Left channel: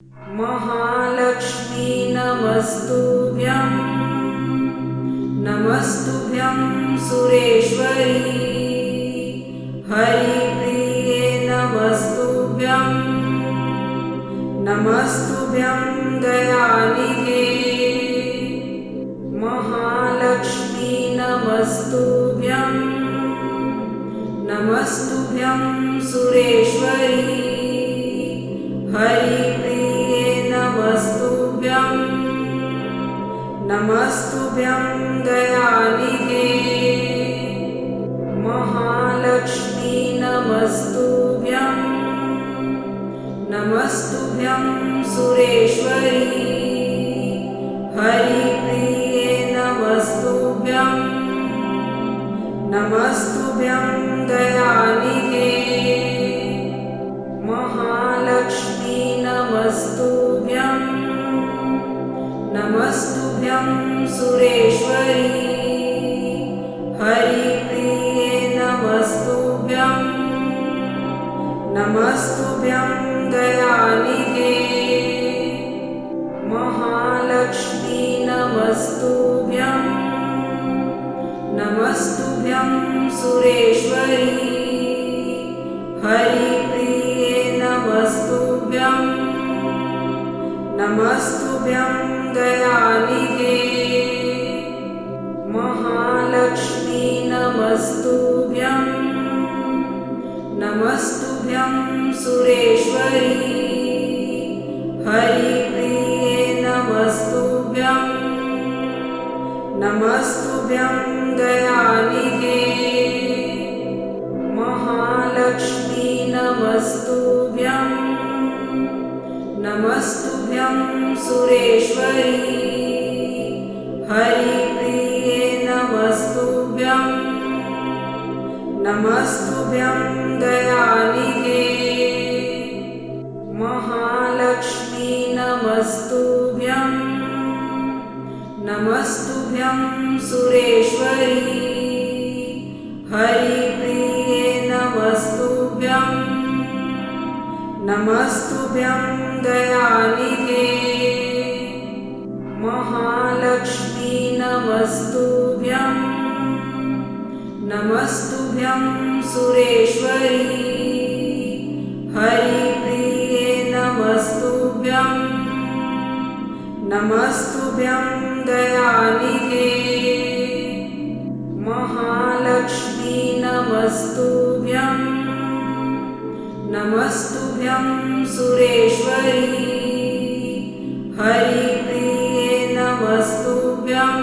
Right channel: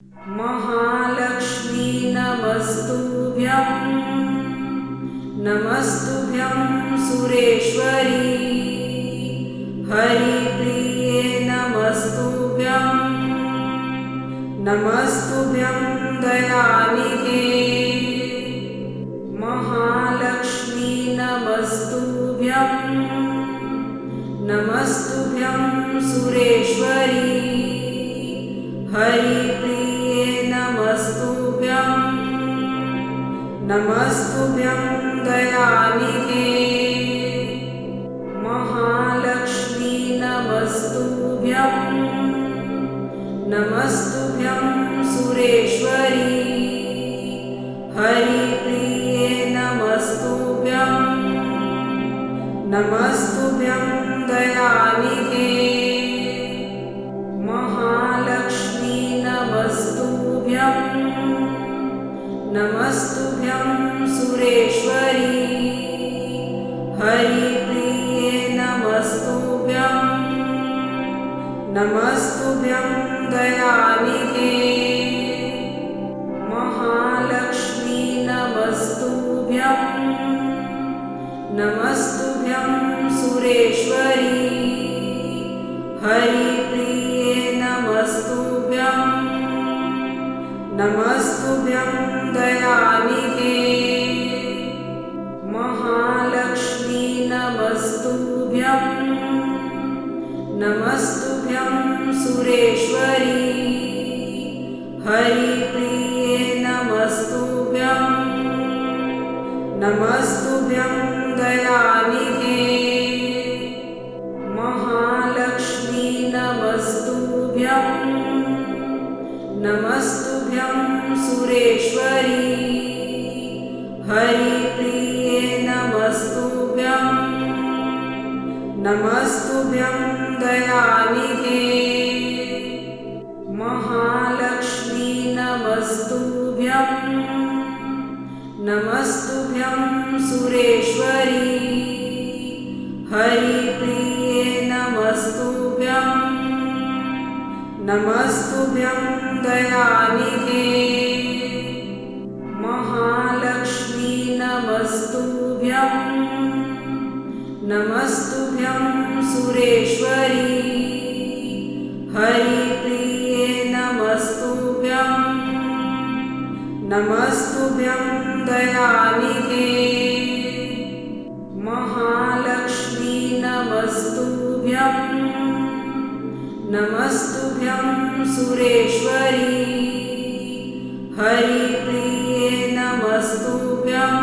महालक्ष्मी नमस्तुभ्यं नमस्तुभ्यं सुरेश्वरी हरिप्रिये नमस्तुभ्यं नमस्तुभ्यं दयानिधे महालक्ष्मी नमस्तुभ्यं नमस्तुभ्यं सुरेश्वरी हरिप्रिये नमस्तुभ्यं नमस्तुभ्यं दयानिधे महालक्ष्मी नमस्तुभ्यं नमस्तुभ्यं सुरेश्वरी हरिप्रिये नमस्तुभ्यं नमस्तुभ्यं दयानिधे महालक्ष्मी नमस्तुभ्यं नमस्तुभ्यं सुरेश्वरी हरिप्रिये नमस्तुभ्यं नमस्तुभ्यं दयानिधे महालक्ष्मी नमस्तुभ्यं नमस्तुभ्यं सुरेश्वरी हरिप्रिये नमस्तुभ्यं नमस्तुभ्यं दयानिधे महालक्ष्मी नमस्तुभ्यं नमस्तुभ्यं सुरेश्वरी हरिप्रिये नमस्तुभ्यं नमस्तुभ्यं दयानिधे महालक्ष्मी नमस्तुभ्यं नमस्तुभ्यं सुरेश्वरी हरिप्रिये नमस्तुभ्यं नमस्तुभ्यं दयानिधे महालक्ष्मी नमस्तुभ्यं नमस्तुभ्यं सुरेश्वरी हरिप्रिये नमस्तुभ्यं नमस्तुभ्यं दयानिधे महालक्ष्मी नमस्तुभ्यं नमस्तुभ्यं सुरेश्वरी हरिप्रिये नमस्तुभ्यं नमस्तुभ्यं दयानिधे महालक्ष्मी नमस्तुभ्यं नमस्तुभ्यं सुरेश्वरी हरिप्रिये नमस्तुभ्यं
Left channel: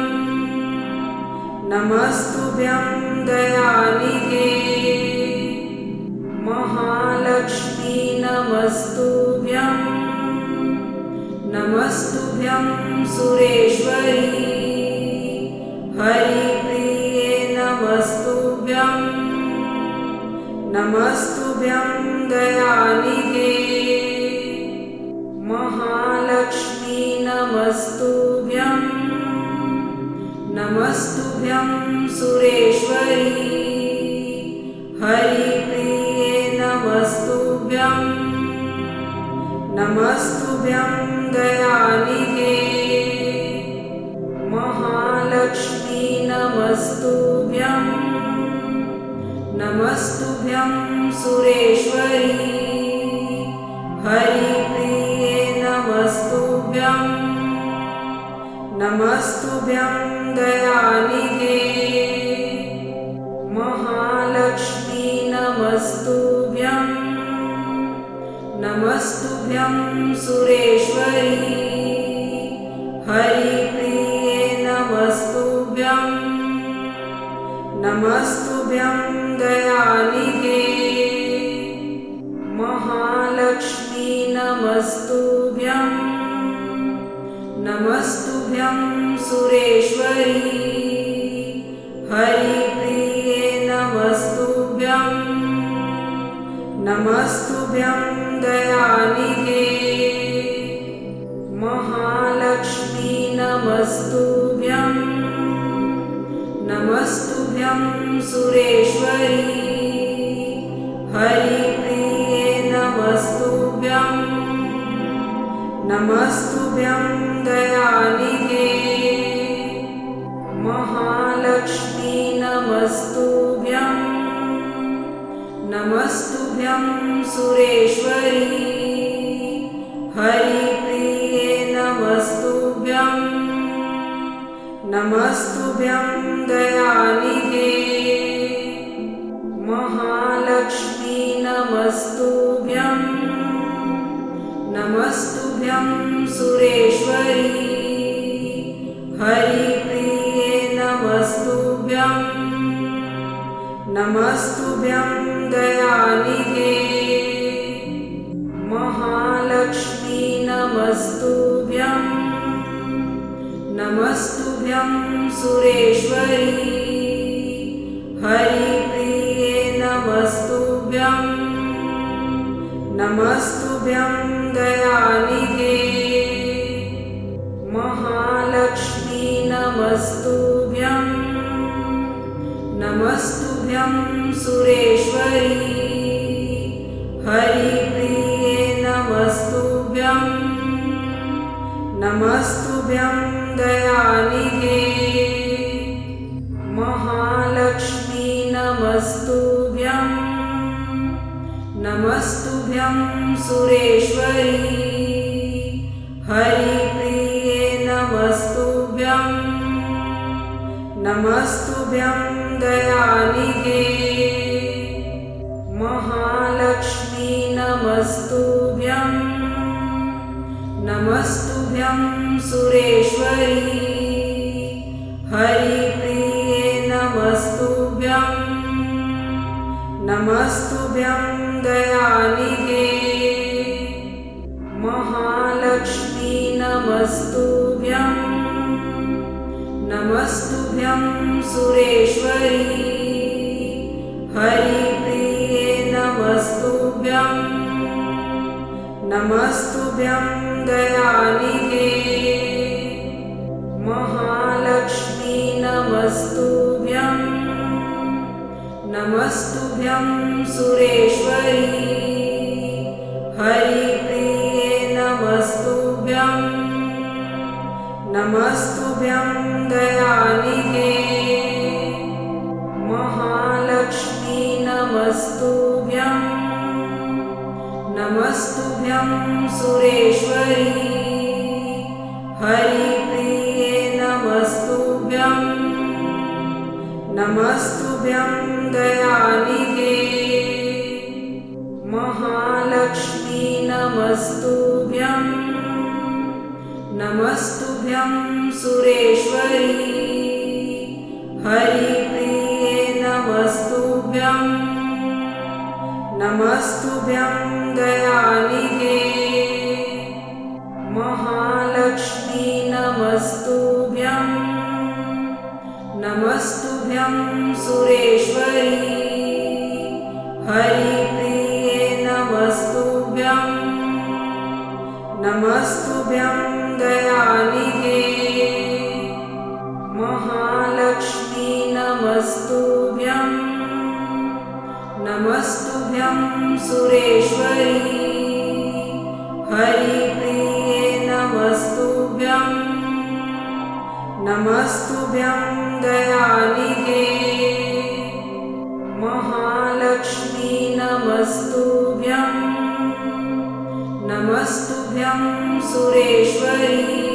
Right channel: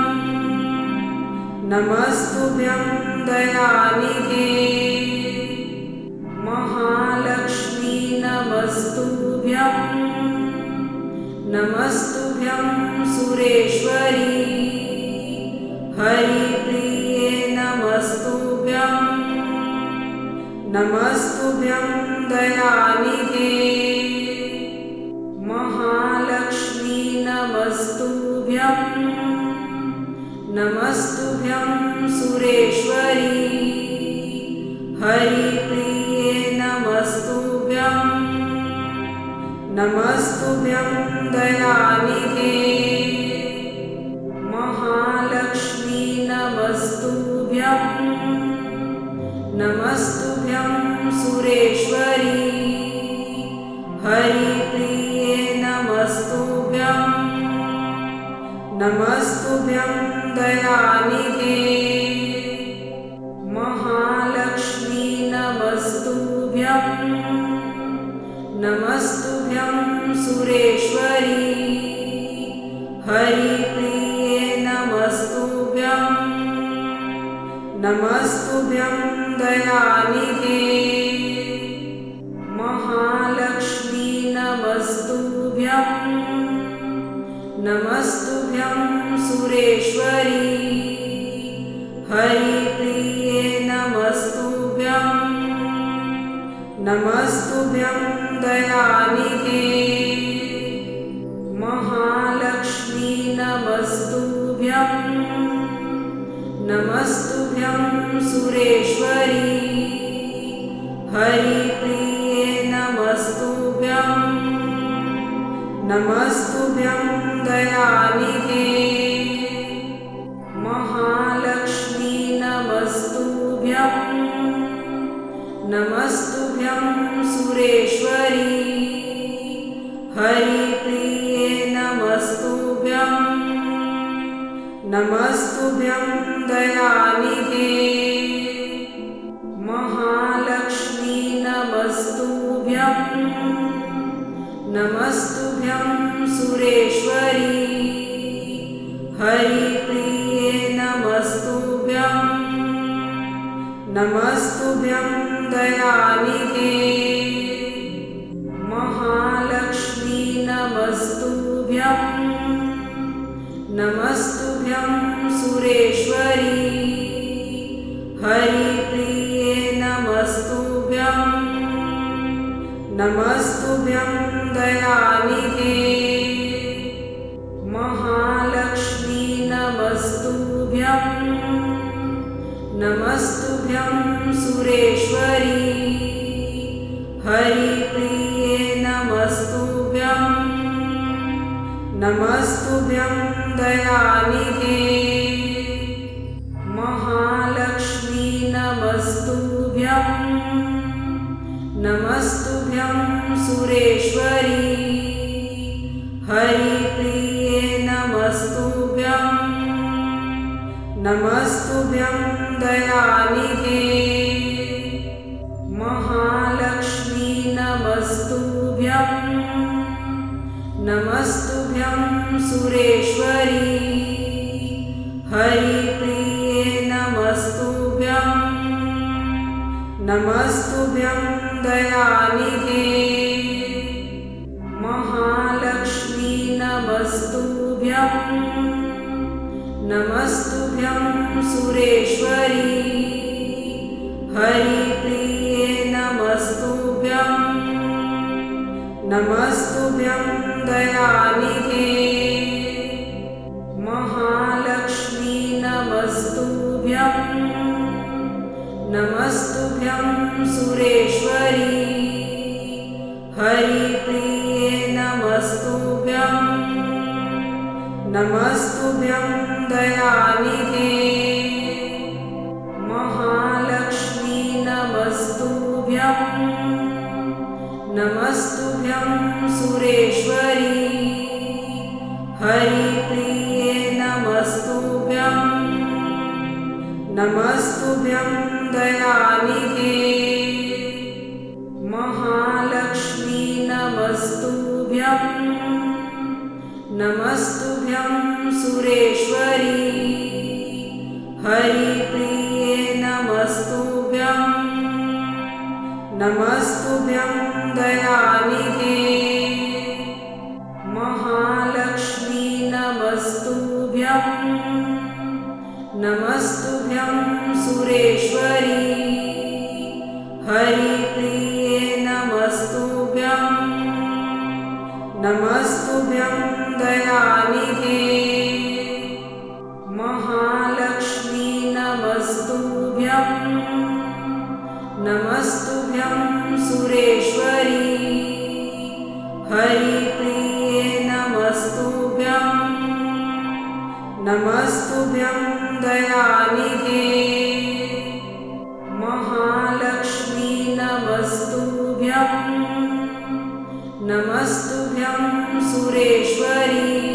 नमस्तुभ्यं दयानिधे महालक्ष्मी नमस्तुभ्यं नमस्तुभ्यं सुरेश्वरी हरिप्रिये नमस्तुभ्यं नमस्तुभ्यं दयानिधे महालक्ष्मी नमस्तुभ्यं नमस्तुभ्यं सुरेश्वरी हरिप्रिये नमस्तुभ्यं नमस्तुभ्यं दयानिधे महालक्ष्मी नमस्तुभ्यं नमस्तुभ्यं सुरेश्वरी हरिप्रिये नमस्तुभ्यं नमस्तुभ्यं दयानिधे महालक्ष्मी नमस्तुभ्यं नमस्तुभ्यं सुरेश्वरी हरिप्रिये नमस्तुभ्यं नमस्तुभ्यं दयानिधे महालक्ष्मी नमस्तुभ्यं नमस्तुभ्यं सुरेश्वरी हरिप्रिये नमस्तुभ्यं नमस्तुभ्यं दयानिधे महालक्ष्मी नमस्तुभ्यं नमस्तुभ्यं सुरेश्वरी हरिप्रिये नमस्तुभ्यं नमस्तुभ्यं दयानिधे। महालक्ष्मी नमस्तुभ्यं, नमस्तुभ्यं सुरेश्वरी। हरिप्रिये नमस्तुभ्यं, नमस्तुभ्यं दयानिधे। महालक्ष्मी नमस्तुभ्यं, नमस्तुभ्यं सुरेश्वरी। हरिप्रिये नमस्तुभ्यं, नमस्तुभ्यं दयानिधे। महालक्ष्मी नमस्तुभ्यं, नमस्तुभ्यं सुरेश्वरी। हरिप्रिये नमस्तुभ्यं, नमस्तुभ्यं दयानिधे। महालक्ष्मी नमस्तुभ्यं, नमस्तुभ्यं सुरेश्वरी। हरिप्रिये नमस्तुभ्यं, नमस्तुभ्यं दयानिधे। महालक्ष्मी नमस्तुभ्यं, नमस्तुभ्यं सुरेश्वरी। हरिप्रिये नमस्तुभ्यं, नमस्तुभ्यं दयानिधे। महालक्ष्मी नमस्तुभ्यं, नमस्तुभ्यं सुरेश्वरी। हरिप्रिये नमस्तुभ्यं, नमस्तुभ्यं दयानिधे। महालक्ष्मी नमस्तुभ्यं, नमस्तुभ्यं सुरेश्वरी। हरिप्रिये नमस्तुभ्यं, नमस्तुभ्यं दयानिधे। महालक्ष्मी नमस्तुभ्यं, नमस्तुभ्यं सुरेश्वरी। हरिप्रिये नमस्तुभ्यं, नमस्तुभ्यं दयानिधे। महालक्ष्मी नमस्तुभ्यं, नमस्तुभ्यं सुरेश्वरी। हरिप्रिये नमस्तुभ्यं, नमस्तुभ्यं दयानिधे। महालक्ष्मी नमस्तुभ्यं, नमस्तुभ्यं सुरेश्वरी। हरिप्रिये नमस्तुभ्यं, नमस्तुभ्यं दयानिधे। महालक्ष्मी नमस्तुभ्यं, नमस्तुभ्यं सुरेश्वरी। हरिप्रिये नमस्तुभ्यं, नमस्तुभ्यं दयानिधे। महालक्ष्मी नमस्तुभ्यं, नमस्तुभ्यं सुरेश्वरी। हरिप्रिये नमस्तुभ्यं, नमस्तुभ्यं दयानिधे। महालक्ष्मी नमस्तुभ्यं, नमस्तुभ्यं सुरेश्वरी।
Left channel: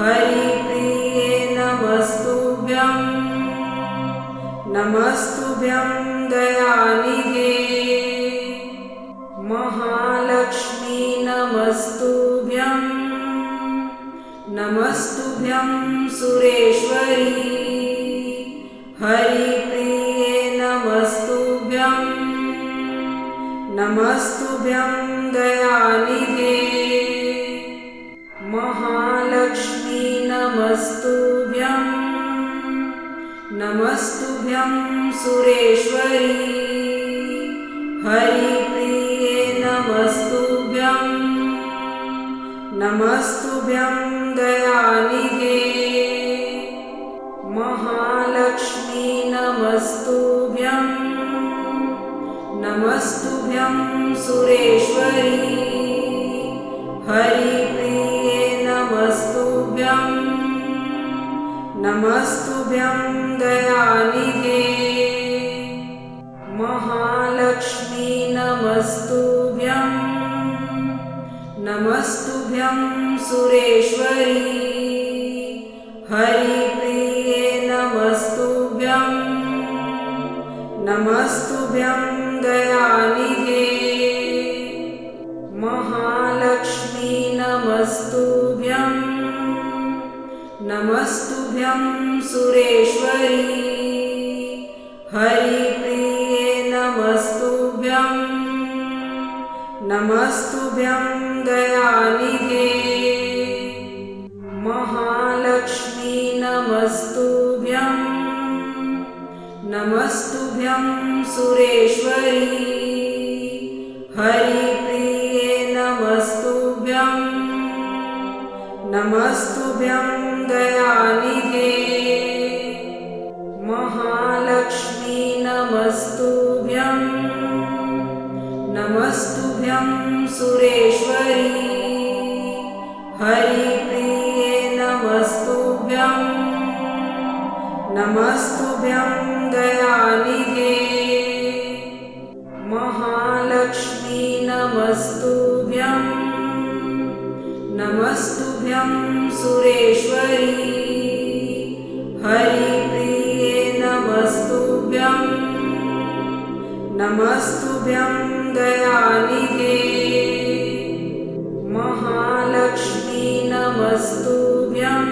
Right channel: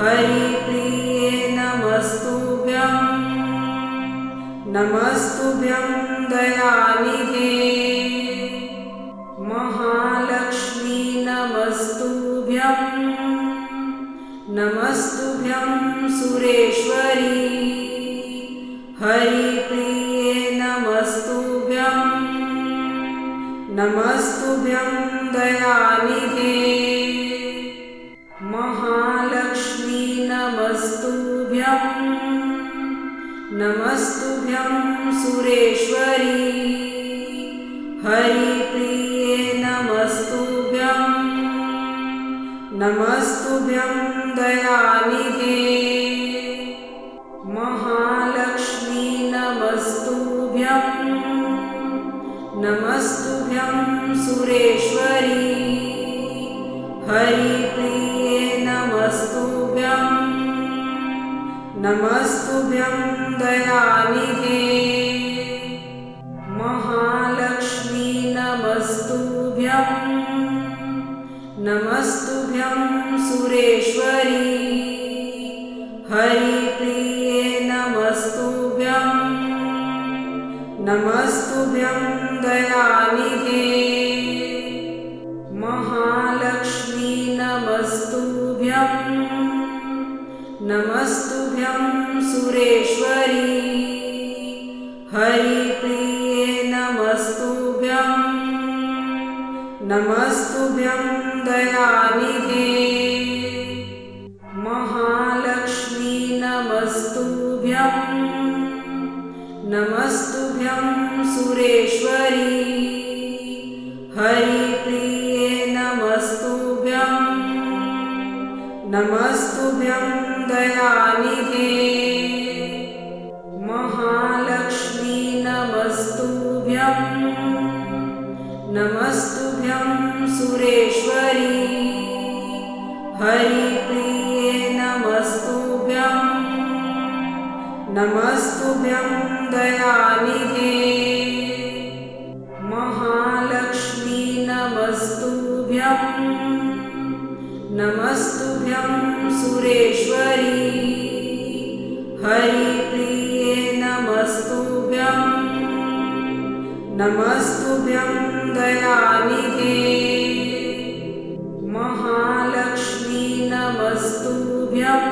हरिप्रिये नमस्तुभ्यं, नमस्तुभ्यं दयानिधे। महालक्ष्मी नमस्तुभ्यं, नमस्तुभ्यं सुरेश्वरी। हरिप्रिये नमस्तुभ्यं, नमस्तुभ्यं दयानिधे। महालक्ष्मी नमस्तुभ्यं, नमस्तुभ्यं सुरेश्वरी। हरिप्रिये नमस्तुभ्यं, नमस्तुभ्यं दयानिधे। महालक्ष्मी नमस्तुभ्यं, नमस्तुभ्यं सुरेश्वरी। हरिप्रिये नमस्तुभ्यं नमस्तुभ्यं दयानिधे महालक्ष्मी नमस्तुभ्यं नमस्तुभ्यं सुरेश्वरी हरिप्रिये नमस्तुभ्यं नमस्तुभ्यं दयानिधे महालक्ष्मी नमस्तुभ्यं नमस्तुभ्यं सुरेश्वरी हरिप्रिये नमस्तुभ्यं नमस्तुभ्यं दयानिधे महालक्ष्मी नमस्तुभ्यं नमस्तुभ्यं सुरेश्वरी हरिप्रिये नमस्तुभ्यं नमस्तुभ्यं दयानिधे महालक्ष्मी नमस्तुभ्यं नमस्तुभ्यं सुरेश्वरी हरिप्रिये नमस्तुभ्यं नमस्तुभ्यं दयानिधे महालक्ष्मी नमस्तुभ्यं नमस्तुभ्यं सुरेश्वरी हरिप्रिये नमस्तुभ्यं नमस्तुभ्यं दयानिधे महालक्ष्मी नमस्तुभ्यं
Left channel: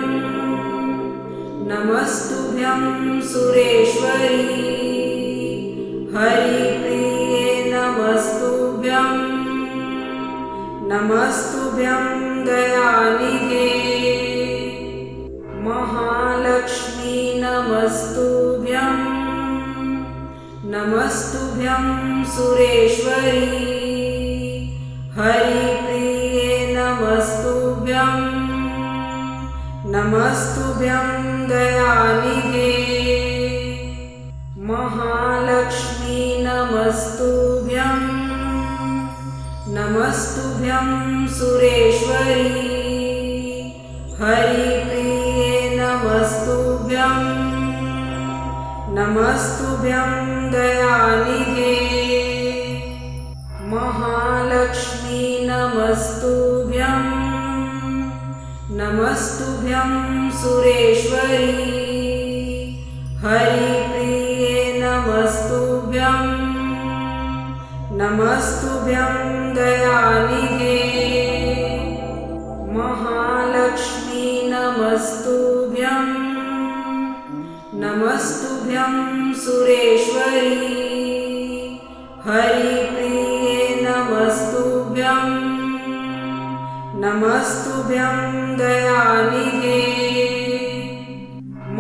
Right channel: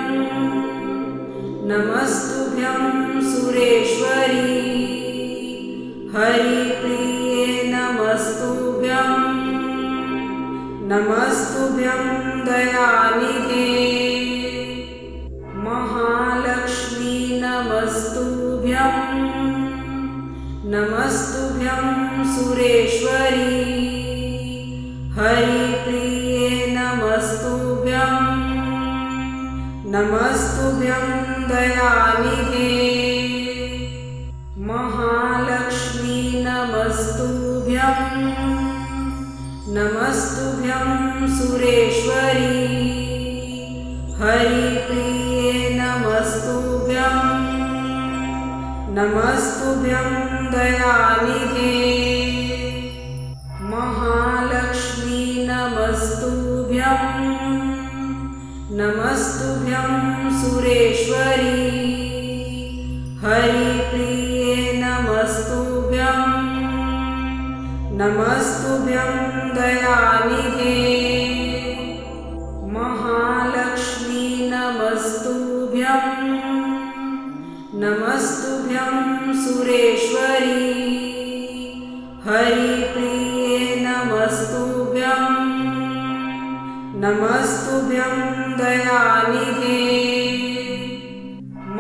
नमस्तुभ्यं सुरेश्वरी हरिप्रिये नमस्तुभ्यं नमस्तुभ्यं दयानिधे महालक्ष्मी नमस्तुभ्यं नमस्तुभ्यं सुरेश्वरी हरिप्रिये नमस्तुभ्यं नमस्तुभ्यं दयानिधे महालक्ष्मी नमस्तुभ्यं नमस्तुभ्यं सुरेश्वरी हरिप्रिये नमस्तुभ्यं नमस्तुभ्यं दयानिधे महालक्ष्मी नमस्तुभ्यं नमस्तुभ्यं सुरेश्वरी हरिप्रिये नमस्तुभ्यं नमस्तुभ्यं दयानिधे महालक्ष्मी नमस्तुभ्यं नमस्तुभ्यं सुरेश्वरी हरिप्रिये नमस्तुभ्यं नमस्तुभ्यं दयानिधे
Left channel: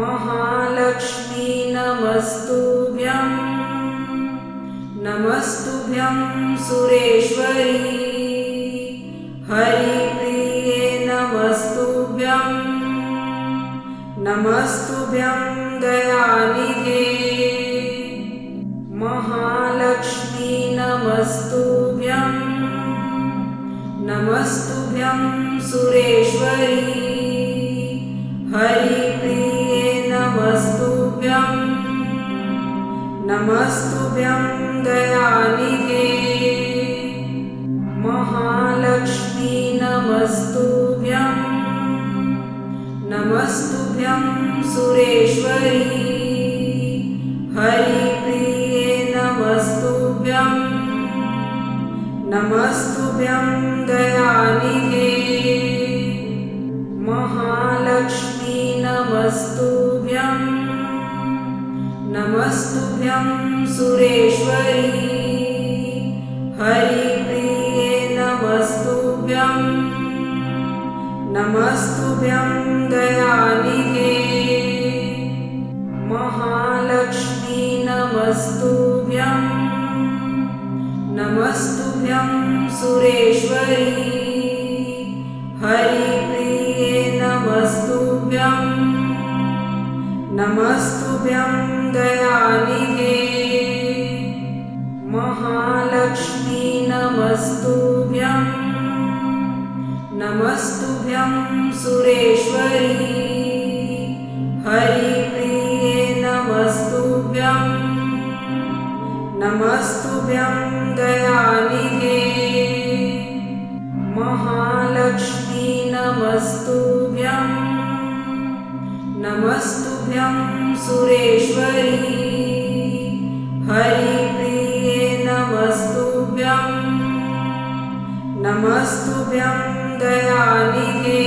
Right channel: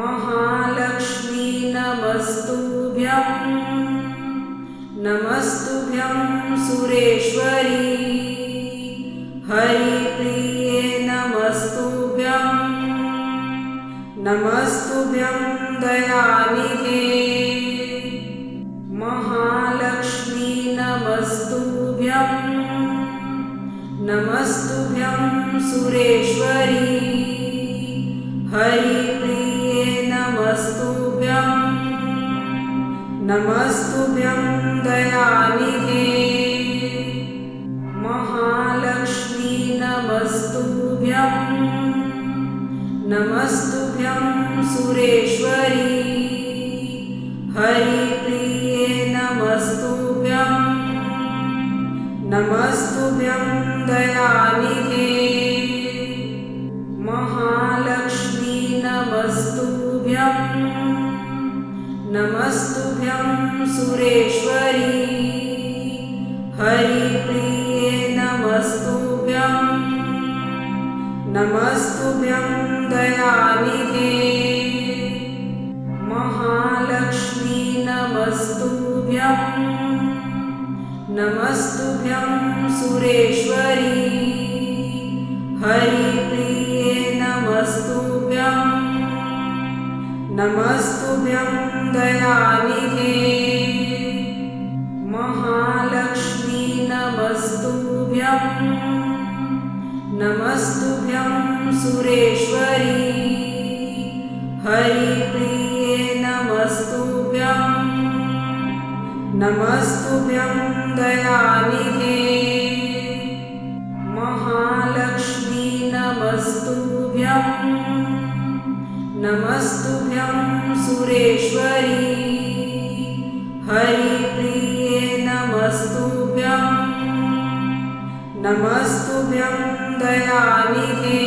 महालक्ष्मी नमस्तुभ्यं नमस्तुभ्यं सुरेश्वरी हरिप्रिये नमस्तुभ्यं नमस्तुभ्यं दयानिधे महालक्ष्मी नमस्तुभ्यं नमस्तुभ्यं सुरेश्वरी हरिप्रिये नमस्तुभ्यं नमस्तुभ्यं दयानिधे महालक्ष्मी नमस्तुभ्यं नमस्तुभ्यं सुरेश्वरी हरिप्रिये नमस्तुभ्यं नमस्तुभ्यं दयानिधे महालक्ष्मी नमस्तुभ्यं नमस्तुभ्यं सुरेश्वरी हरिप्रिये नमस्तुभ्यं नमस्तुभ्यं दयानिधे महालक्ष्मी नमस्तुभ्यं नमस्तुभ्यं सुरेश्वरी हरिप्रिये नमस्तुभ्यं नमस्तुभ्यं दयानिधे महालक्ष्मी नमस्तुभ्यं नमस्तुभ्यं सुरेश्वरी। हरिप्रिये नमस्तुभ्यं। नमस्तुभ्यं दयानिधे। महालक्ष्मी नमस्तुभ्यं। नमस्तुभ्यं सुरेश्वरी। हरिप्रिये नमस्तुभ्यं। नमस्तुभ्यं दयानिधे।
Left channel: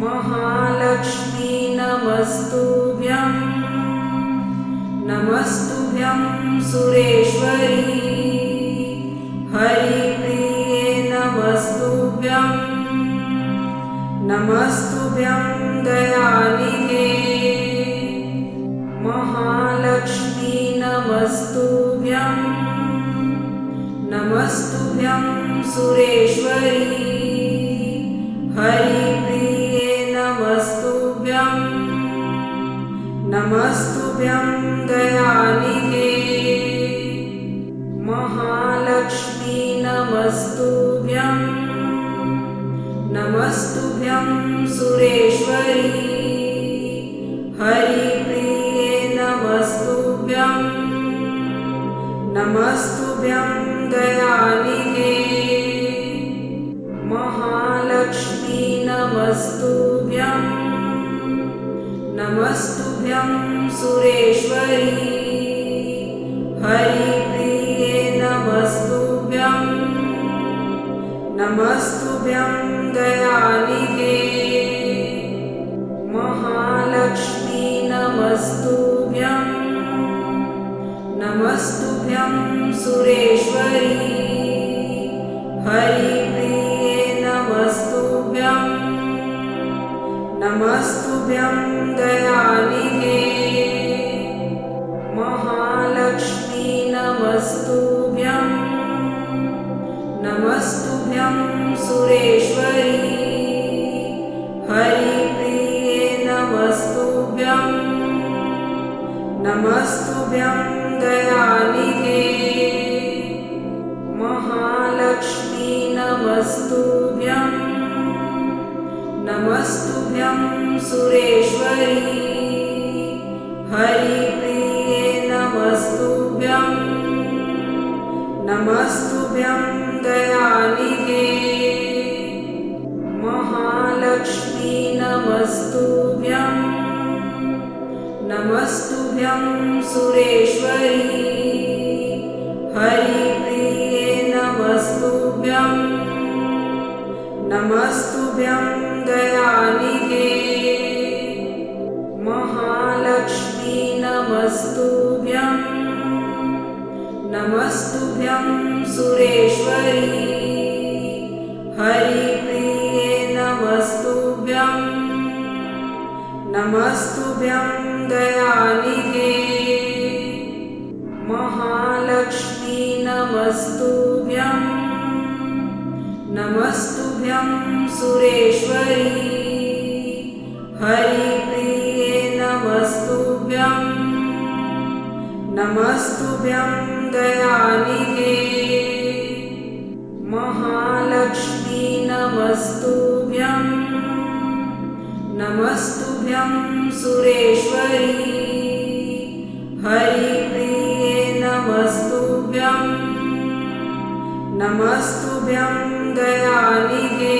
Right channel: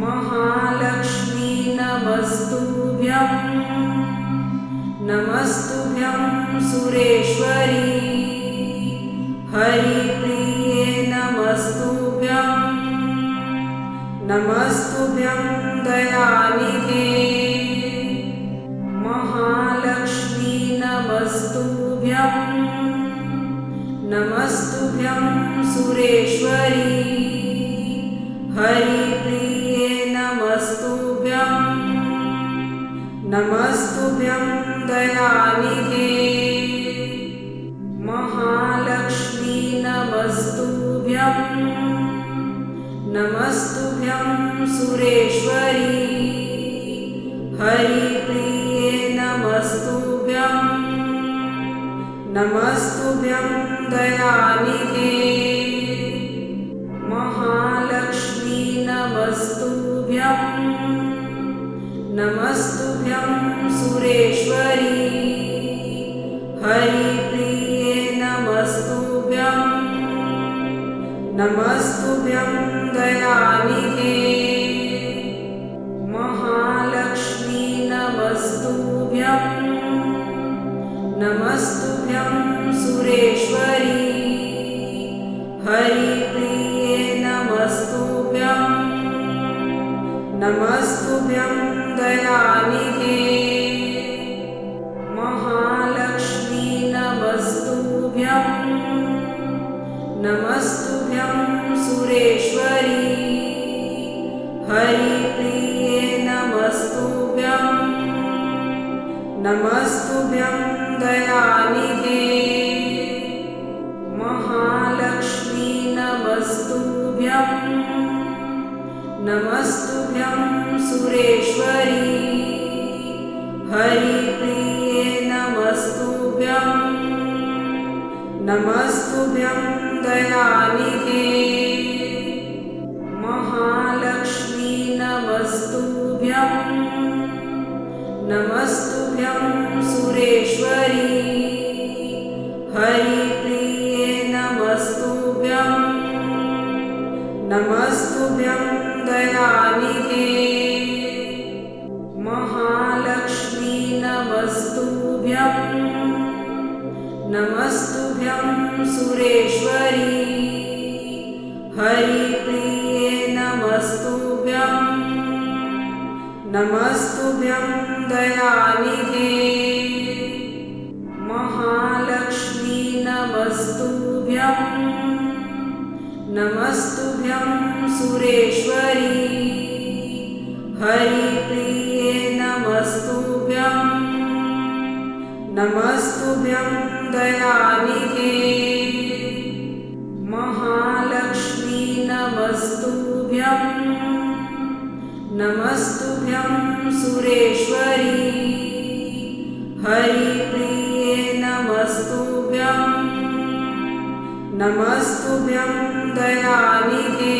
महालक्ष्मी नमस्तुभ्यं। नमस्तुभ्यं सुरेश्वरी। हरिप्रिये नमस्तुभ्यं। नमस्तुभ्यं दयानिधे। महालक्ष्मी नमस्तुभ्यं। नमस्तुभ्यं सुरेश्वरी। हरिप्रिये नमस्तुभ्यं। नमस्तुभ्यं दयानिधे। महालक्ष्मी नमस्तुभ्यं। नमस्तुभ्यं सुरेश्वरी। हरिप्रिये नमस्तुभ्यं। नमस्तुभ्यं दयानिधे। महालक्ष्मी नमस्तुभ्यं। नमस्तुभ्यं सुरेश्वरी। हरिप्रिये नमस्तुभ्यं। नमस्तुभ्यं दयानिधे। महालक्ष्मी नमस्तुभ्यं। नमस्तुभ्यं सुरेश्वरी। हरिप्रिये नमस्तुभ्यं। नमस्तुभ्यं दयानिधे। महालक्ष्मी नमस्तुभ्यं। नमस्तुभ्यं सुरेश्वरी। हरिप्रिये नमस्तुभ्यं। नमस्तुभ्यं दयानिधे। महालक्ष्मी नमस्तुभ्यं। नमस्तुभ्यं सुरेश्वरी। हरिप्रिये नमस्तुभ्यं। नमस्तुभ्यं दयानिधे। महालक्ष्मी नमस्तुभ्यं। नमस्तुभ्यं सुरेश्वरी। हरिप्रिये नमस्तुभ्यं। नमस्तुभ्यं दयानिधे। महालक्ष्मी नमस्तुभ्यं। नमस्तुभ्यं सुरेश्वरी। हरिप्रिये नमस्तुभ्यं। नमस्तुभ्यं दयानिधे। महालक्ष्मी नमस्तुभ्यं। नमस्तुभ्यं सुरेश्वरी। हरिप्रिये नमस्तुभ्यं। नमस्तुभ्यं दयानिधे। महालक्ष्मी नमस्तुभ्यं। नमस्तुभ्यं सुरेश्वरी। हरिप्रिये नमस्तुभ्यं। नमस्तुभ्यं दयानिधे।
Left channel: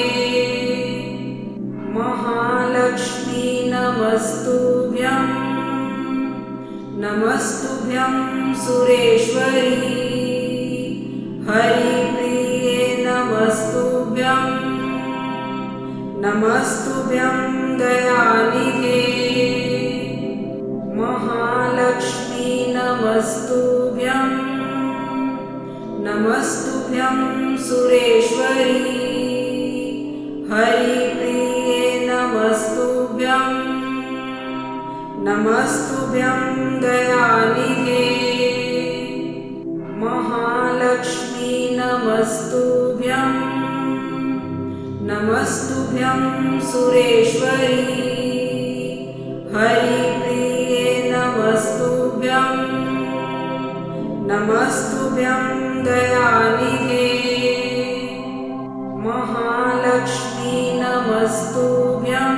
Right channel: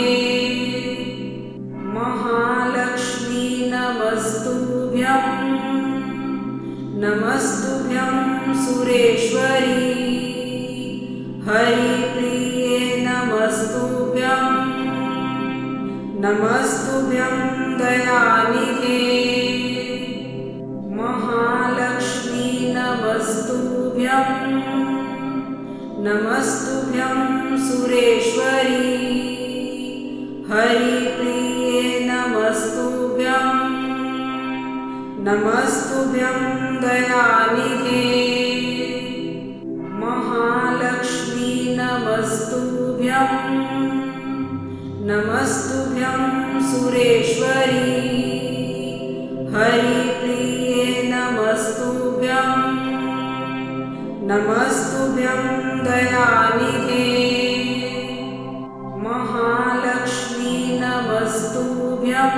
महालक्ष्मी नमस्तुभ्यं। नमस्तुभ्यं सुरेश्वरी। हरिप्रिये नमस्तुभ्यं। नमस्तुभ्यं दयानिधे। महालक्ष्मी नमस्तुभ्यं। नमस्तुभ्यं सुरेश्वरी। हरिप्रिये नमस्तुभ्यं। नमस्तुभ्यं दयानिधे। महालक्ष्मी नमस्तुभ्यं। नमस्तुभ्यं सुरेश्वरी। हरिप्रिये नमस्तुभ्यं। नमस्तुभ्यं दयानिधे। महालक्ष्मी नमस्तुभ्यं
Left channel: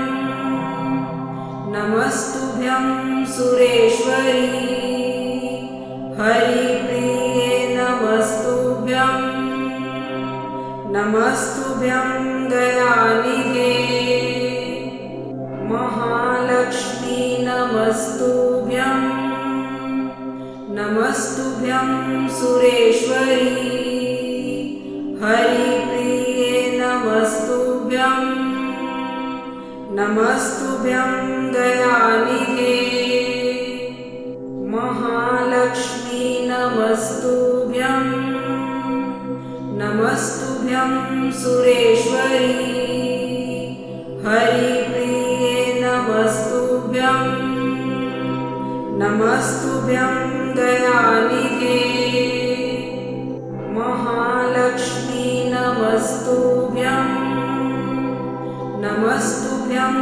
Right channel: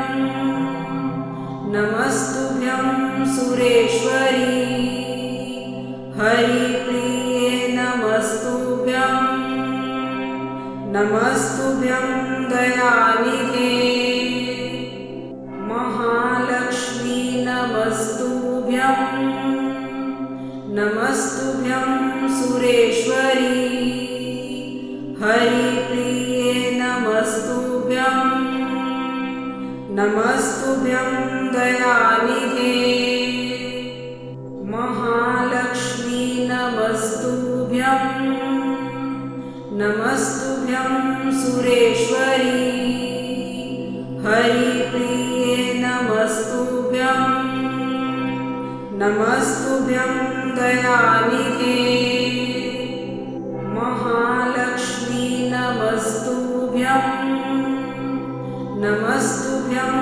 नमस्तुभ्यं सुरेश्वरी हरिप्रिये नमस्तुभ्यं नमस्तुभ्यं दयानिधे महालक्ष्मी नमस्तुभ्यं नमस्तुभ्यं सुरेश्वरी हरिप्रिये नमस्तुभ्यं नमस्तुभ्यं दयानिधे महालक्ष्मी नमस्तुभ्यं नमस्तुभ्यं सुरेश्वरी हरिप्रिये नमस्तुभ्यं नमस्तुभ्यं दयानिधे महालक्ष्मी नमस्तुभ्यं नमस्तुभ्यं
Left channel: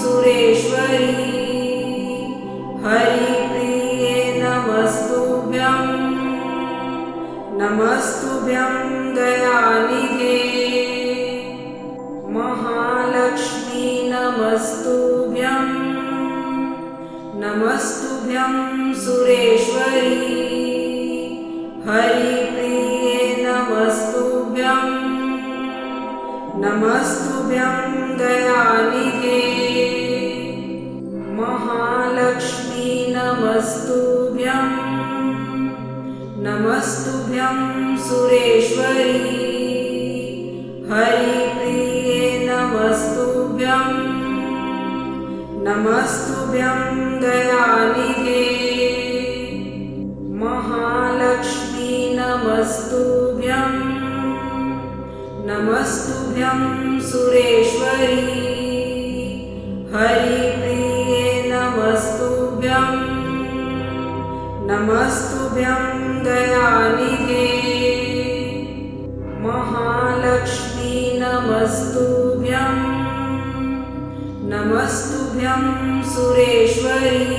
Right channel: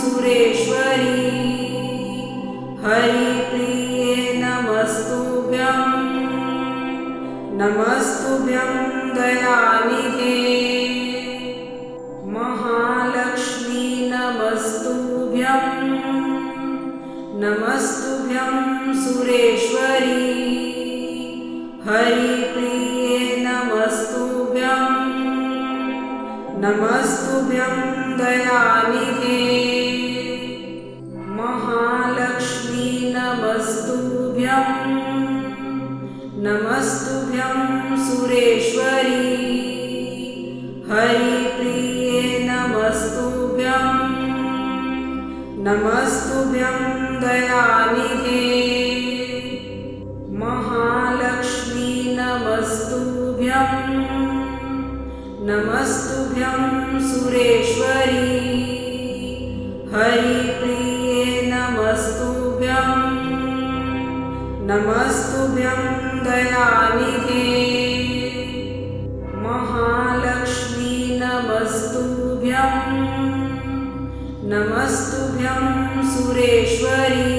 सुरेश्वरी हरिप्रिये नमस्तुभ्यं नमस्तुभ्यं दयानिधे महालक्ष्मी नमस्तुभ्यं नमस्तुभ्यं सुरेश्वरी हरिप्रिये नमस्तुभ्यं नमस्तुभ्यं दयानिधे महालक्ष्मी नमस्तुभ्यं नमस्तुभ्यं सुरेश्वरी हरिप्रिये नमस्तुभ्यं नमस्तुभ्यं दयानिधे महालक्ष्मी नमस्तुभ्यं नमस्तुभ्यं सुरेश्वरी हरिप्रिये नमस्तुभ्यं नमस्तुभ्यं दयानिधे महालक्ष्मी नमस्तुभ्यं नमस्तुभ्यं सुरेश्वरी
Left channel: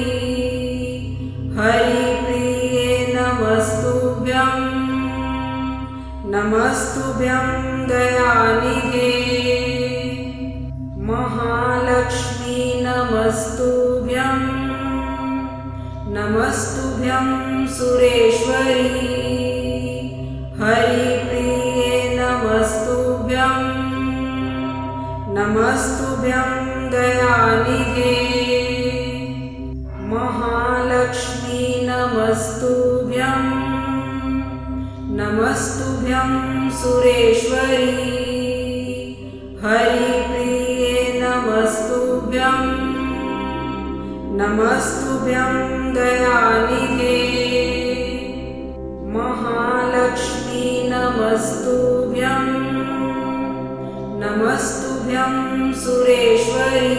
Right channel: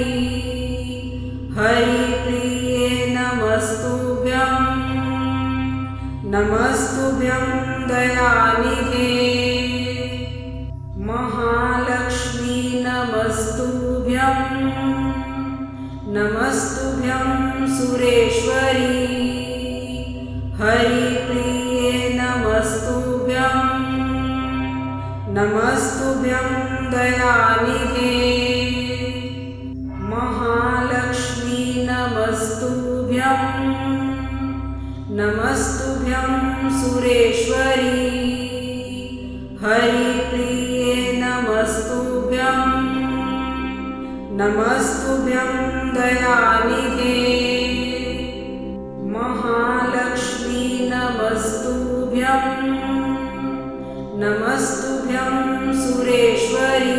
हरिप्रिये नमस्तुभ्यं नमस्तुभ्यं दयानिधे महालक्ष्मी नमस्तुभ्यं नमस्तुभ्यं सुरेश्वरी हरिप्रिये नमस्तुभ्यं नमस्तुभ्यं दयानिधे महालक्ष्मी नमस्तुभ्यं नमस्तुभ्यं सुरेश्वरी हरिप्रिये नमस्तुभ्यं नमस्तुभ्यं दयानिधे महालक्ष्मी नमस्तुभ्यं नमस्तुभ्यं सुरेश्वरी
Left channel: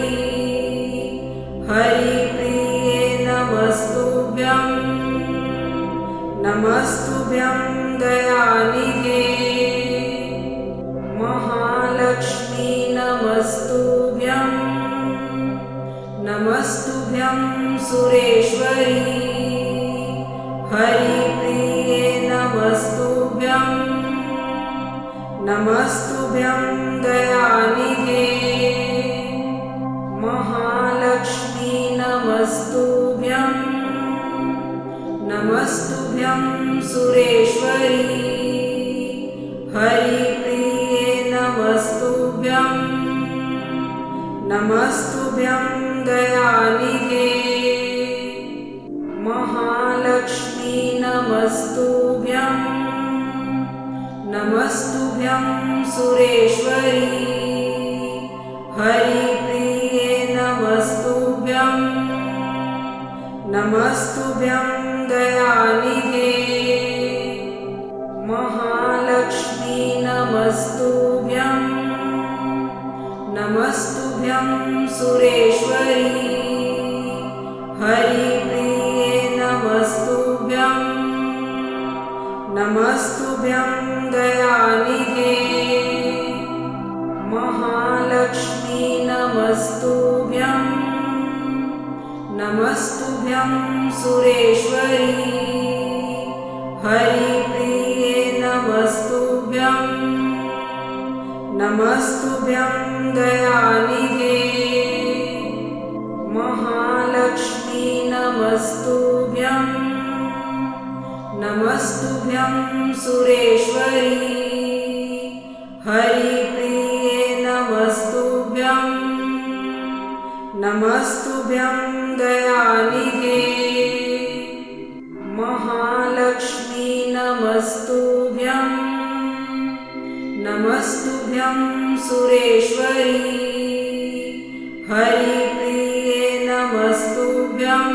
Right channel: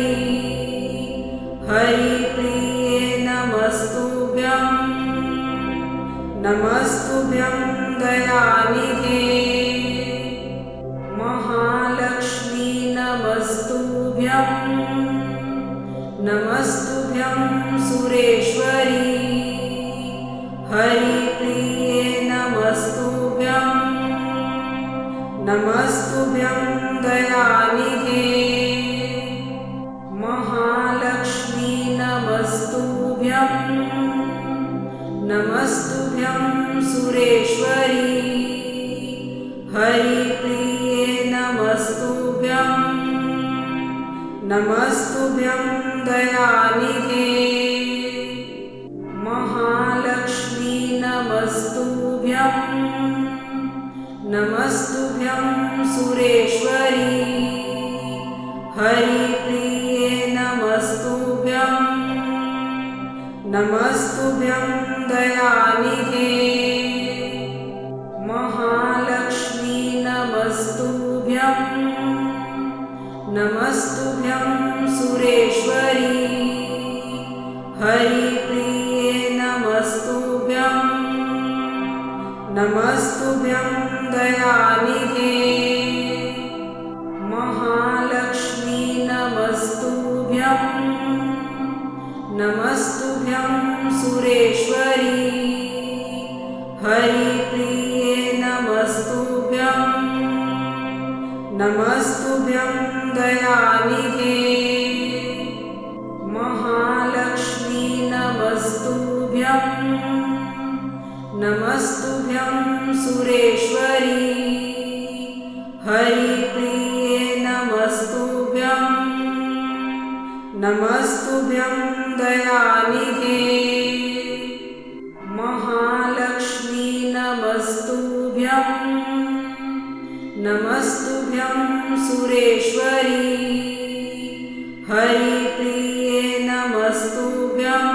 हरिप्रिये नमस्तुभ्यं नमस्तुभ्यं दयानिधे महालक्ष्मी नमस्तुभ्यं नमस्तुभ्यं सुरेश्वरी हरिप्रिये नमस्तुभ्यं नमस्तुभ्यं दयानिधे महालक्ष्मी नमस्तुभ्यं नमस्तुभ्यं सुरेश्वरी हरिप्रिये नमस्तुभ्यं नमस्तुभ्यं दयानिधे महालक्ष्मी नमस्तुभ्यं नमस्तुभ्यं सुरेश्वरी हरिप्रिये नमस्तुभ्यं नमस्तुभ्यं दयानिधे महालक्ष्मी नमस्तुभ्यं नमस्तुभ्यं सुरेश्वरी हरिप्रिये नमस्तुभ्यं नमस्तुभ्यं दयानिधे महालक्ष्मी नमस्तुभ्यं नमस्तुभ्यं सुरेश्वरी हरिप्रिये नमस्तुभ्यं नमस्तुभ्यं दयानिधे। महालक्ष्मी नमस्तुभ्यं, नमस्तुभ्यं सुरेश्वरी। हरिप्रिये नमस्तुभ्यं, नमस्तुभ्यं दयानिधे। महालक्ष्मी नमस्तुभ्यं, नमस्तुभ्यं सुरेश्वरी। हरिप्रिये नमस्तुभ्यं,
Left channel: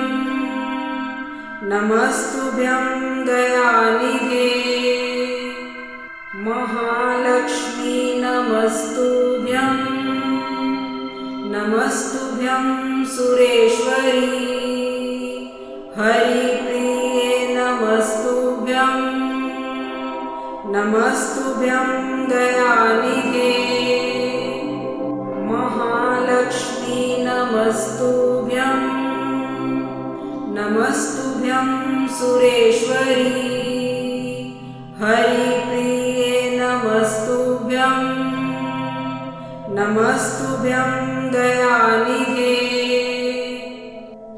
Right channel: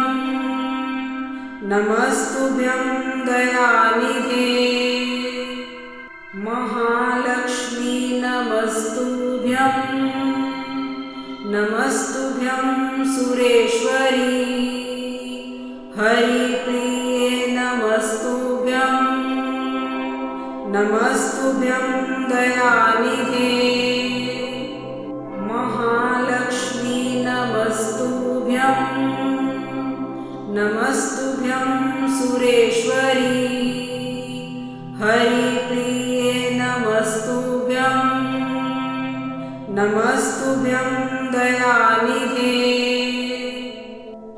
नमस्तुभ्यं दयानिधे। महालक्ष्मी नमस्तुभ्यं, नमस्तुभ्यं सुरेश्वरी। हरिप्रिये नमस्तुभ्यं, नमस्तुभ्यं दयानिधे। महालक्ष्मी नमस्तुभ्यं, नमस्तुभ्यं सुरेश्वरी। हरिप्रिये नमस्तुभ्यं, नमस्तुभ्यं दयानिधे।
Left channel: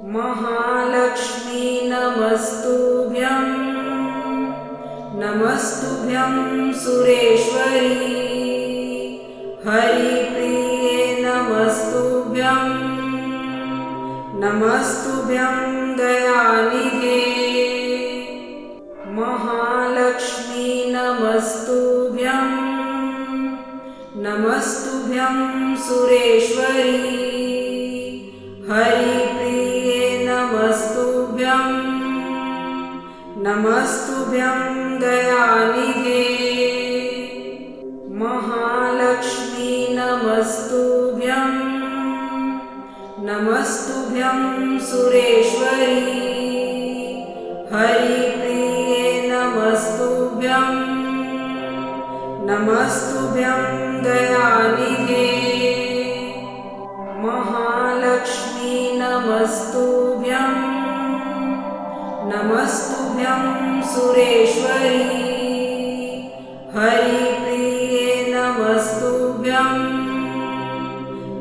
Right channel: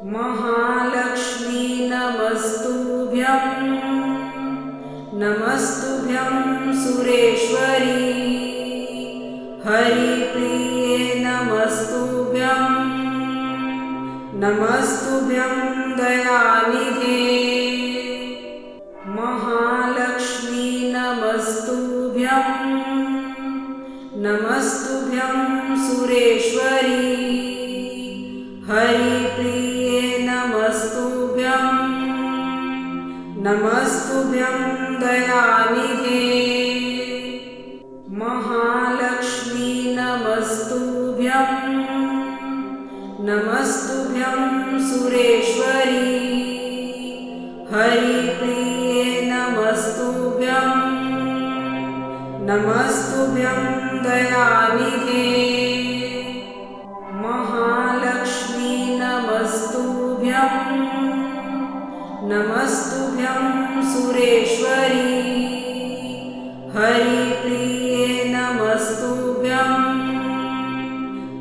महालक्ष्मी नमस्तुभ्यं, नमस्तुभ्यं सुरेश्वरी। हरिप्रिये नमस्तुभ्यं, नमस्तुभ्यं दयानिधे। महालक्ष्मी नमस्तुभ्यं, नमस्तुभ्यं सुरेश्वरी। हरिप्रिये नमस्तुभ्यं, नमस्तुभ्यं दयानिधे। महालक्ष्मी नमस्तुभ्यं, नमस्तुभ्यं सुरेश्वरी। हरिप्रिये नमस्तुभ्यं, नमस्तुभ्यं दयानिधे। महालक्ष्मी नमस्तुभ्यं, नमस्तुभ्यं सुरेश्वरी। हरिप्रिये नमस्तुभ्यं,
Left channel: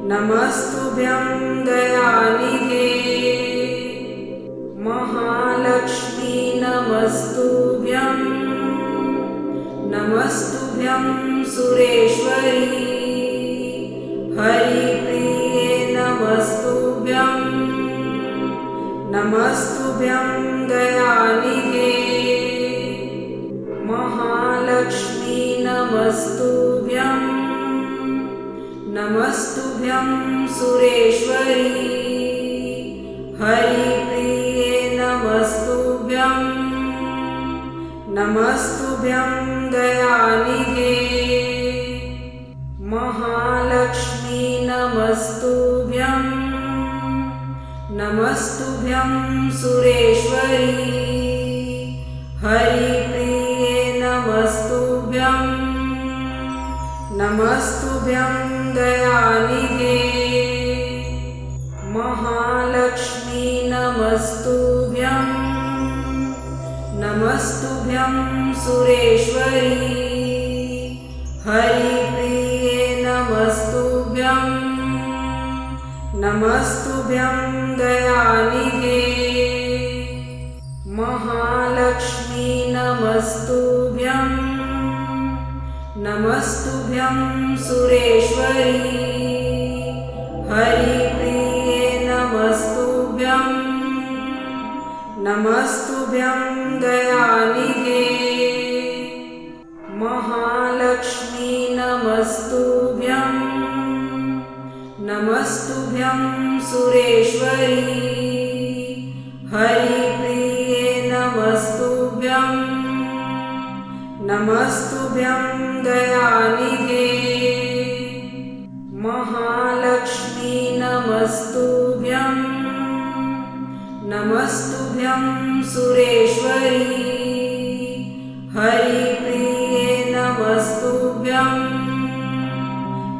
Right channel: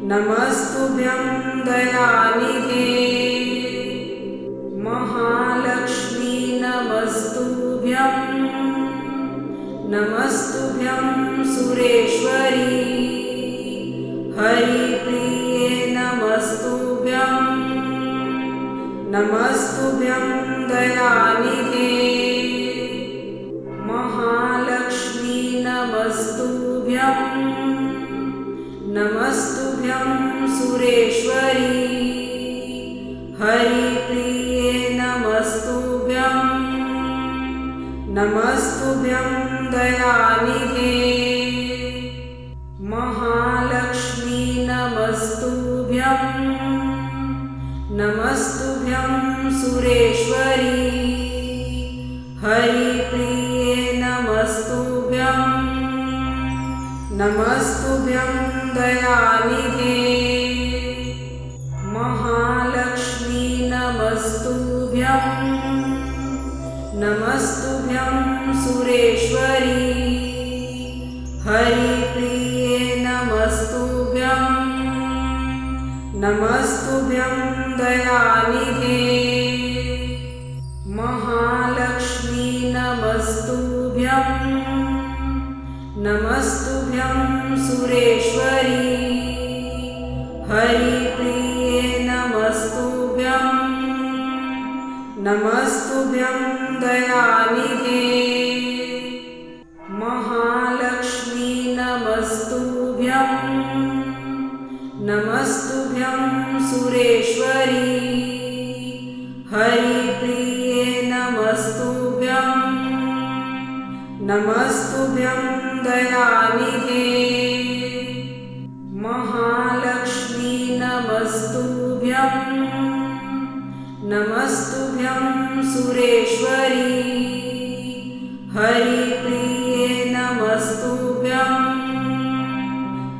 नमस्तुभ्यं दयानिधे। महालक्ष्मी नमस्तुभ्यं, नमस्तुभ्यं सुरेश्वरी। हरिप्रिये नमस्तुभ्यं, नमस्तुभ्यं दयानिधे। महालक्ष्मी नमस्तुभ्यं, नमस्तुभ्यं सुरेश्वरी। हरिप्रिये नमस्तुभ्यं, नमस्तुभ्यं दयानिधे। महालक्ष्मी नमस्तुभ्यं, नमस्तुभ्यं सुरेश्वरी। हरिप्रिये नमस्तुभ्यं, नमस्तुभ्यं दयानिधे। महालक्ष्मी नमस्तुभ्यं, नमस्तुभ्यं सुरेश्वरी। हरिप्रिये नमस्तुभ्यं, नमस्तुभ्यं दयानिधे। महालक्ष्मी नमस्तुभ्यं, नमस्तुभ्यं सुरेश्वरी। हरिप्रिये नमस्तुभ्यं, नमस्तुभ्यं दयानिधे। महालक्ष्मी नमस्तुभ्यं, नमस्तुभ्यं सुरेश्वरी। हरिप्रिये नमस्तुभ्यं, नमस्तुभ्यं दयानिधे। महालक्ष्मी नमस्तुभ्यं, नमस्तुभ्यं सुरेश्वरी। हरिप्रिये नमस्तुभ्यं,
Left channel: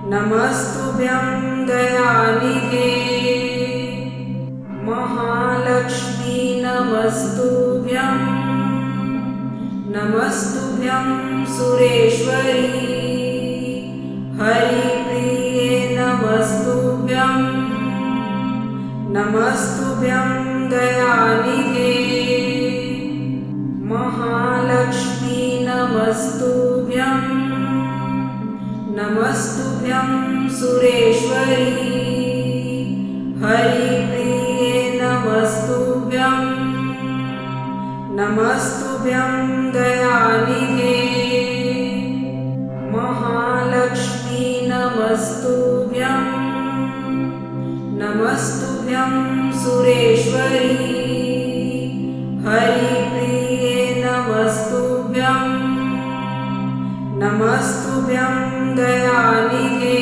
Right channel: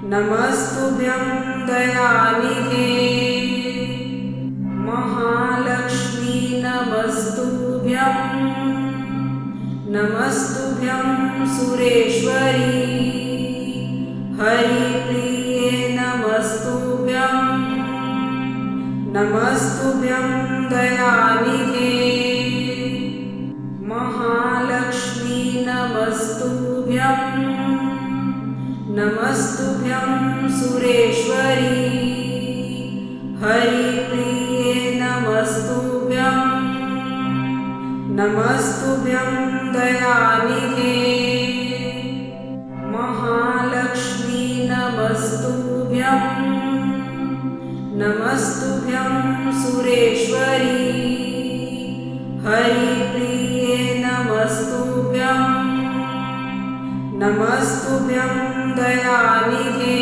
नमस्तुभ्यं दयानिधे। महालक्ष्मी नमस्तुभ्यं, नमस्तुभ्यं सुरेश्वरी। हरिप्रिये नमस्तुभ्यं नमस्तुभ्यं दयानिधे महालक्ष्मी नमस्तुभ्यं नमस्तुभ्यं सुरेश्वरी हरिप्रिये नमस्तुभ्यं नमस्तुभ्यं दयानिधे महालक्ष्मी नमस्तुभ्यं नमस्तुभ्यं सुरेश्वरी हरिप्रिये नमस्तुभ्यं नमस्तुभ्यं दयानिधे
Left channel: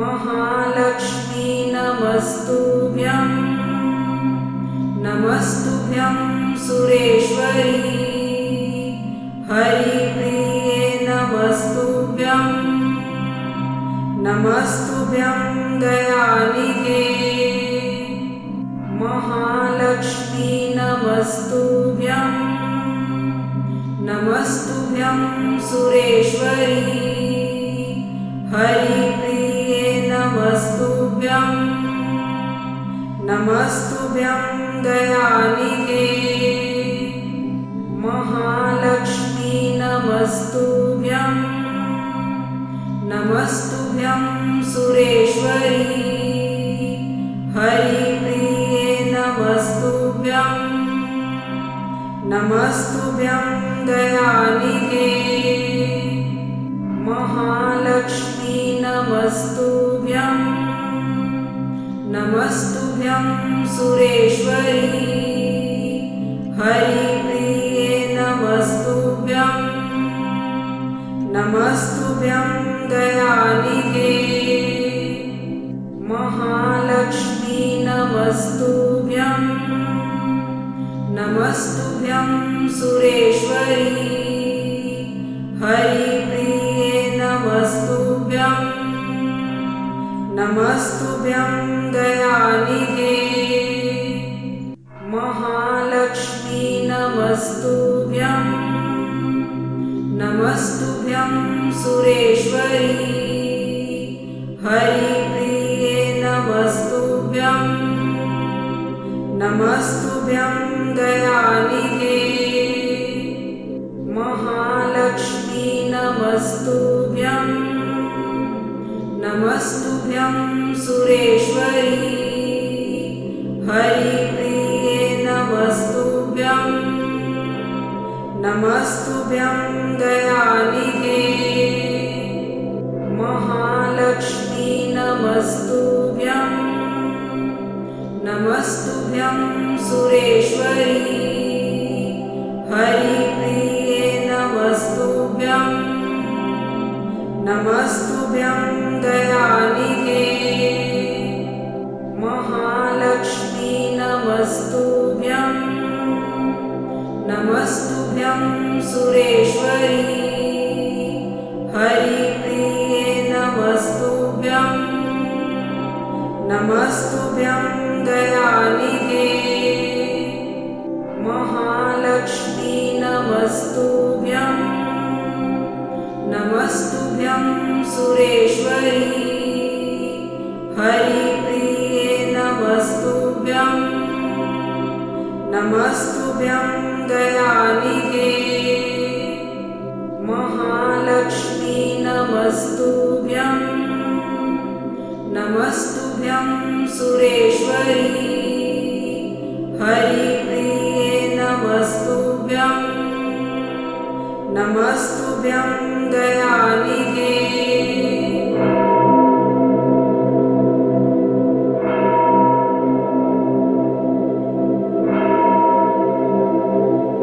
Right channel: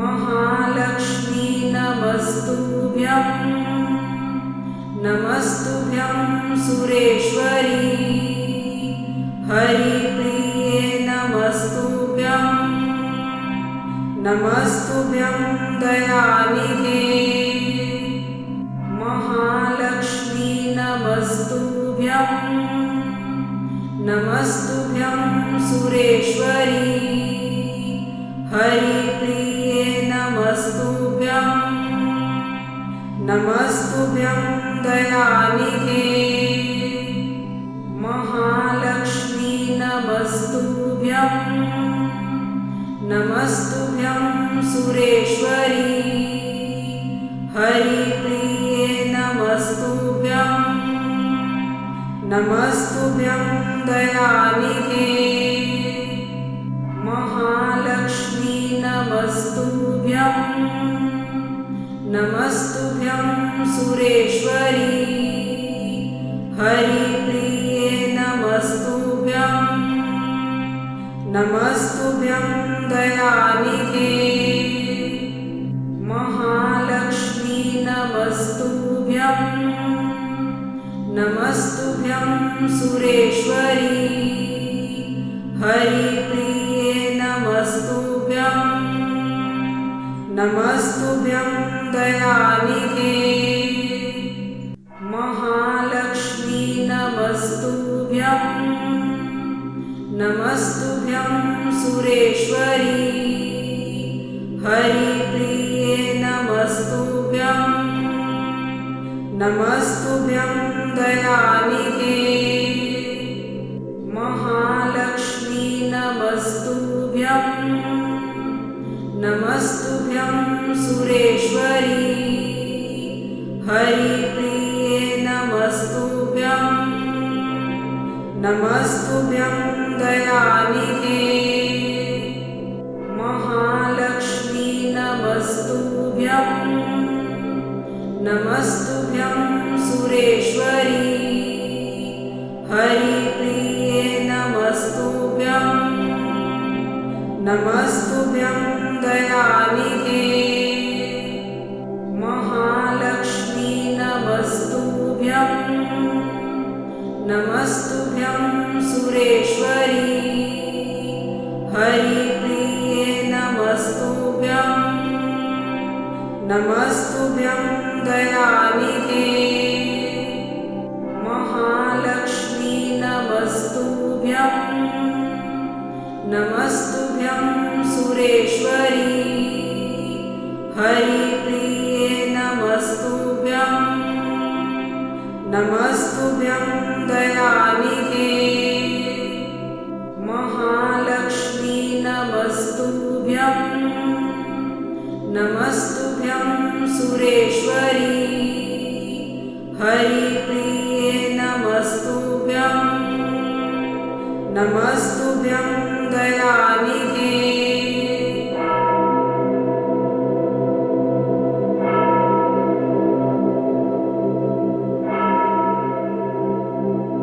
महालक्ष्मी नमस्तुभ्यं नमस्तुभ्यं सुरेश्वरी हरिप्रिये नमस्तुभ्यं नमस्तुभ्यं दयानिधे महालक्ष्मी नमस्तुभ्यं नमस्तुभ्यं सुरेश्वरी हरिप्रिये नमस्तुभ्यं नमस्तुभ्यं दयानिधे महालक्ष्मी नमस्तुभ्यं नमस्तुभ्यं सुरेश्वरी हरिप्रिये नमस्तुभ्यं नमस्तुभ्यं दयानिधे महालक्ष्मी नमस्तुभ्यं नमस्तुभ्यं सुरेश्वरी हरिप्रिये नमस्तुभ्यं नमस्तुभ्यं दयानिधे महालक्ष्मी नमस्तुभ्यं नमस्तुभ्यं सुरेश्वरी हरिप्रिये नमस्तुभ्यं नमस्तुभ्यं दयानिधे महालक्ष्मी नमस्तुभ्यं नमस्तुभ्यं सुरेश्वरी हरिप्रिये नमस्तुभ्यं नमस्तुभ्यं दयानिधे महालक्ष्मी नमस्तुभ्यं नमस्तुभ्यं सुरेश्वरी हरिप्रिये नमस्तुभ्यं नमस्तुभ्यं दयानिधे महालक्ष्मी नमस्तुभ्यं नमस्तुभ्यं सुरेश्वरी हरिप्रिये नमस्तुभ्यं नमस्तुभ्यं दयानिधे महालक्ष्मी नमस्तुभ्यं नमस्तुभ्यं सुरेश्वरी हरिप्रिये नमस्तुभ्यं नमस्तुभ्यं दयानिधे महालक्ष्मी नमस्तुभ्यं नमस्तुभ्यं सुरेश्वरी हरिप्रिये नमस्तुभ्यं नमस्तुभ्यं दयानिधे महालक्ष्मी नमस्तुभ्यं नमस्तुभ्यं सुरेश्वरी हरिप्रिये नमस्तुभ्यं नमस्तुभ्यं दयानिधे